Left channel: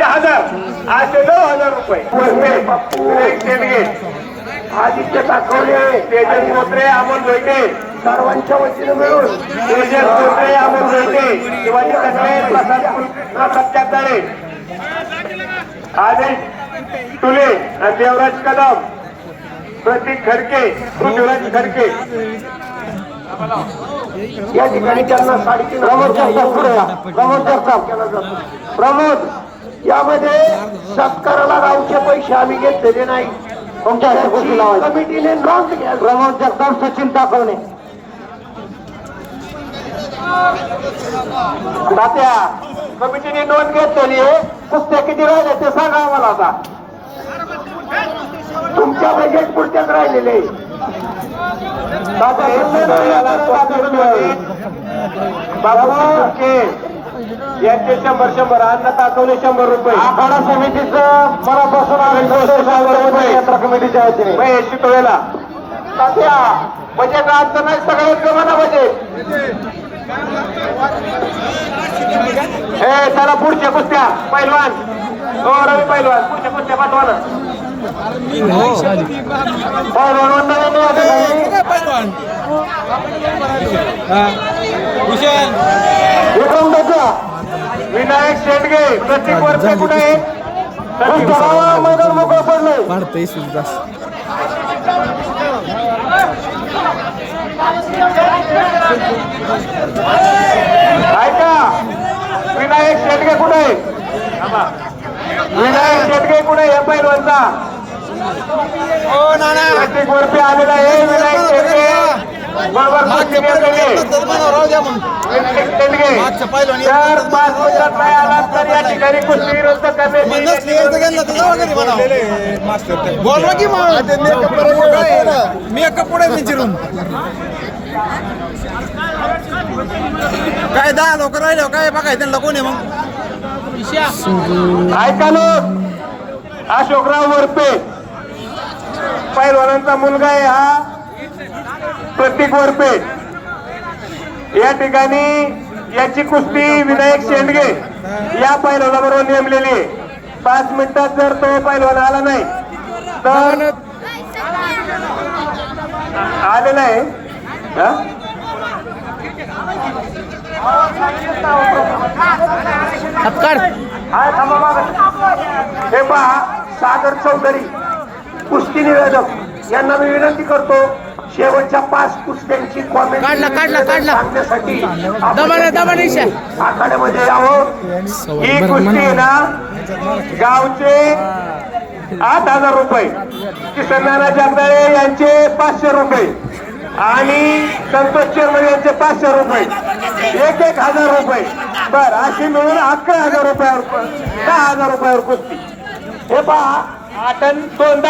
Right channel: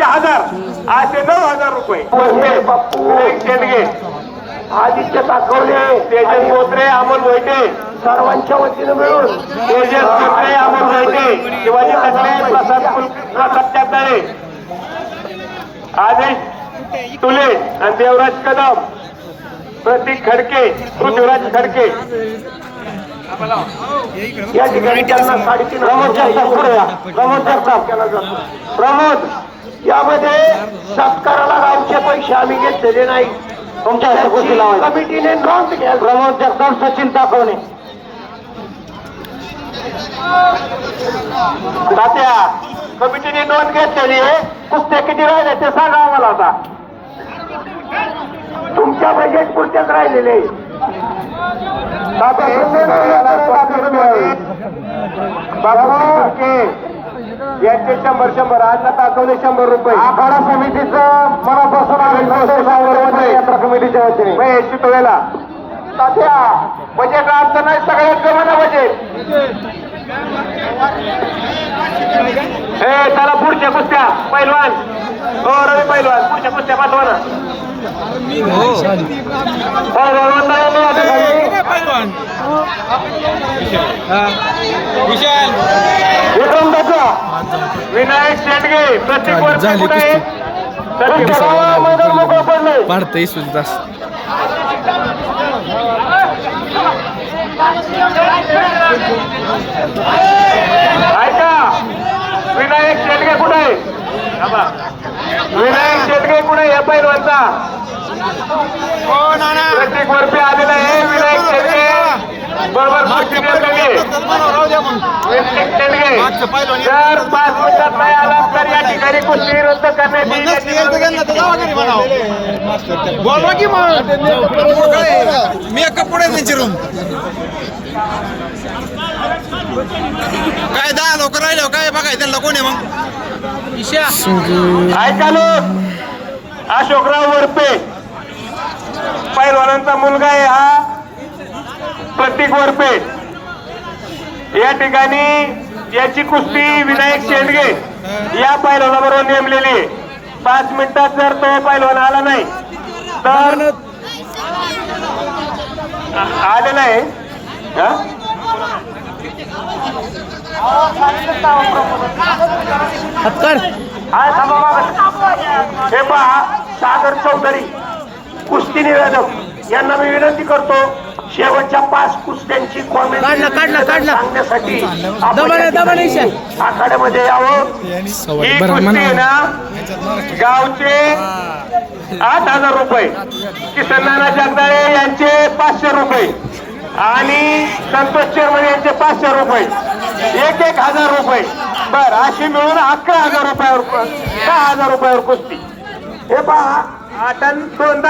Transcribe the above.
पाचशे हजार. आठशे नऊ हजार रुपये. आदित्य ताकवले तेजस मोत्रे अमोल मोहिते सर्वांच्या वतीनं मिळून. तेजस मोत्रे अमोल मोहिते शिवाजी चांदाळे आदेश तुले देवराज कदम. प्रतीक खडके पृथ्वीराज खडके. या ठिकाणी त्यांना साडेतीन प्रमोद या. प्रमोद जातो प्रमोद. यामध्ये सत्काराला गावचे पैसे आम्ही घेतलेले नाही. तुमच्या घरगुती लावायचे. कमिटीने घ्याल. प्रमोद जगताप सचिन तात्या कमिटीने नोंद घेतलेली आहे. कुस्त्या किती राहिले ते सांगा आम्हाला आता. तुमच्या बजेट पुरत्याच राहिलेले. तात्या. यांचे शंभर शंभर अन्न ताकवले शंभर रुपये. आखाडा समितीचं मनापासून आम्ही यात्रा कमिटीच्या वतीने. शितोळेला. तात्या बजेट राहतं नाही सगळ्यात कमाना बजेट. ए त्याला पुढच्या कुस्त्या. पैलवान. हो रवी पैलवान. पुढच्या कुस्त्या पाठवा ना. हो, झाली कुस्ती. पाडतंय सुजिदास ऐका विनायक शेटगे कुठे आहे? विनायक शेटगे कुठे या पैलवानचा? प्रत्येक वर्षी आलेला आहे विनायक शेटगे. बरोबर शेटगे. जर पाच मिनिटात नाही आला तर या ठिकाणी कुस्ती रद्द करण्यात मेकअप पुढे विचारून काय दहा लोक राहिले काय बघाय त्यांना कोणी मग ऐका लोक अशोकराव वरपे पैलवानांचा मुलगा आहे हा प्रतीक वरपे. या ठिकाणी याची कुस्ती विनायक शेंडगे या पैलवानाबरोबर नेमलेली आहे. पाच मिनिटात जर तो पैलवान आला नाही तर आलेला आहे. हा? पहा सागर चौधरी कुस्ती निवेदक. यांना मी विनंती करतो शेवटच्या पाच कुस्त्यांची कॉमेंट सांगण्यासाठी आपण आखाड्यामध्ये आहोत. ही ना गावचे आठ हजार रुपये. किसननाना जागदाळे यांचे पाचशे रुपये. आणि संतोष चेअरमन यांचे पाचशे रुपये. एक एक हजार रुपये. बर अशी मिळून अकरा हजार रुपयावर दहा हजार रुपयावर कुस्ती. हे पहा आता दोनदा